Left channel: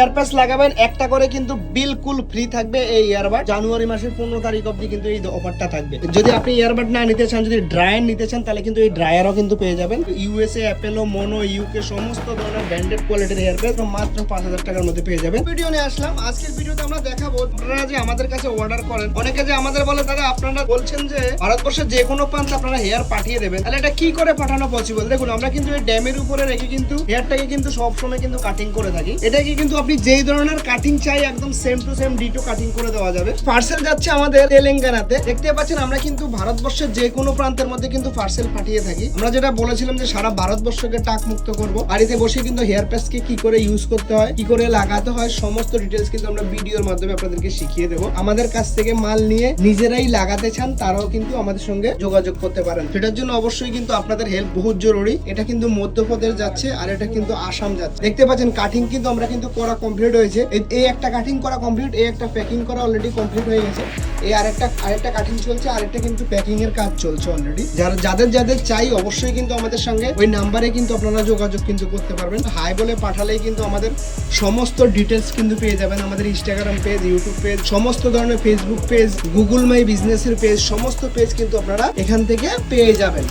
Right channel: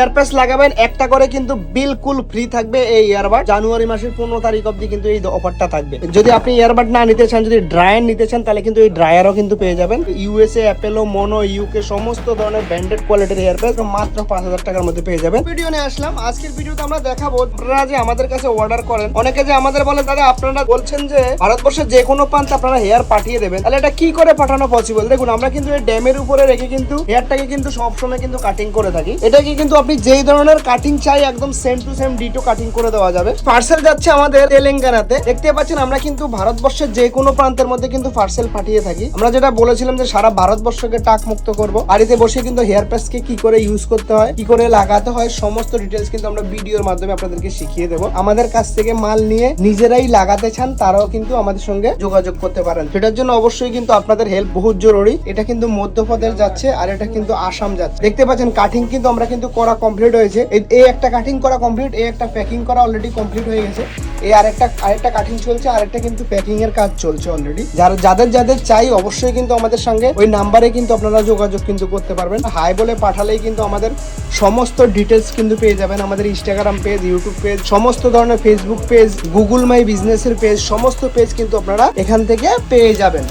ইয়ারপ্যাস লাগাবেন একটা করে কিন্তু বিলকুল ফ্রি থাকবে এই ইয়ারবাড। জানুয়ারি মাসের 15 তারিখ অবধি কিন্তু এই অফারটা থাকবে। যদি আপনি ইয়ারবাড না নিতে চান, যদি ড্রায়ার নিতে চান, তাহলে কিন্তু এই ড্রায়ারও কিন্তু পেয়ে যাবেন। ইউএসএ, অ্যাপেলো, মোনো, ইউকে সমস্ত ধরনের ব্র্যান্ডেড কোয়ালিটির ইয়ারপ্যাস মাত্র 5000 টাকার মধ্যে পেয়ে যাবেন। ভিডিও নিয়ে আসলাম, আজকের ভিডিওতে আমরা দেখাবো আপনারা যে আমাদের কাছে অর্ডার করেন, অনেকে যে আমাদের বলে দাদা আপনারা বলছেন যে ভারতবর্ষের যে কোনো প্রান্তে আপনারা হেয়ার পাঠিয়ে দেবেন, তাহলে এটা কি করে পাঠানো পসিবল? দেখুন, আমরা কিন্তু এই ড্যামের উপরে রেখে কিন্তু হেয়ারটাকে কিন্তু সবসময় কিন্তু কাটিং করে থাকি। এটাকে কিন্তু আপনি যেই ধরনের কাটিং চাই একদম same to same ditto cutting করে দেওয়া যাবে। পার্সেল যাচ্ছে আমাদের তেলেঙ্গানাতে। দেখতে পাচ্ছেন আমরা কিন্তু ভারতবর্ষের যে কোনো প্রান্তের মধ্যে কিন্তু পার্সেল পাঠিয়ে থাকি। আমরা যেটা বলেছিলাম যে সারা ভারতবর্ষকে টাক মুক্ত করব, বাড়িতে বসে কিন্তু হেয়ার প্যাচকে কি করে ইউজ করতে হয়, কি করে লাগাতে হয়, সমস্ত ডিটেলস কিন্তু আমরা ভিডিওর মাধ্যমে আপনাদেরকে শিখিয়ে দেবো। আমাদের কাছ থেকে মাল নিয়ে নিজেরাই লাগাতে চান তারাও কিন্তু আমাদের সঙ্গে যোগাযোগ করতে পারেন। সেটার জন্য অবশ্যই কিন্তু আপনাদের হেল্প বহুত জরুরি। এটা কিন্তু মধ্যপ্রদেশ যাচ্ছে আর এটা কিন্তু আসাম যাচ্ছে। দেখতে পাচ্ছেন কাটিং কিন্তু আমরা কিন্তু করা কমপ্লিট হয়েছে। এই একটা কাটিং করা কমপ্লিট, এই একটা প্যাকিং করা অলরেডি কমপ্লিট হয়ে গেছে। এই আরেকটা কাটিং চলছে, আরেকটা কিন্তু প্যাকিং এর কাজ চলছে অলরেডি। যাদের চাই অবশ্যই কিন্তু আমাদের সঙ্গে ওই নাম্বারে কিন্তু আপনারা যোগাযোগ কিন্তু করতে পারবেন। হাই বলে পাঠালেই কিন্তু আমাদের সমস্ত ডিটেলস কিন্তু পেয়ে যাবেন। আমাদের ইনস্টাগ্রাম পেজ, ইউটিউব পেজ, সমস্ত ধরনের ফেসবুক পেজ, গুগল মাই বিজনেসের পেজ, সমস্ত পেজ কিন্তু আপনারা এখান থেকে পেয়ে যাবেন।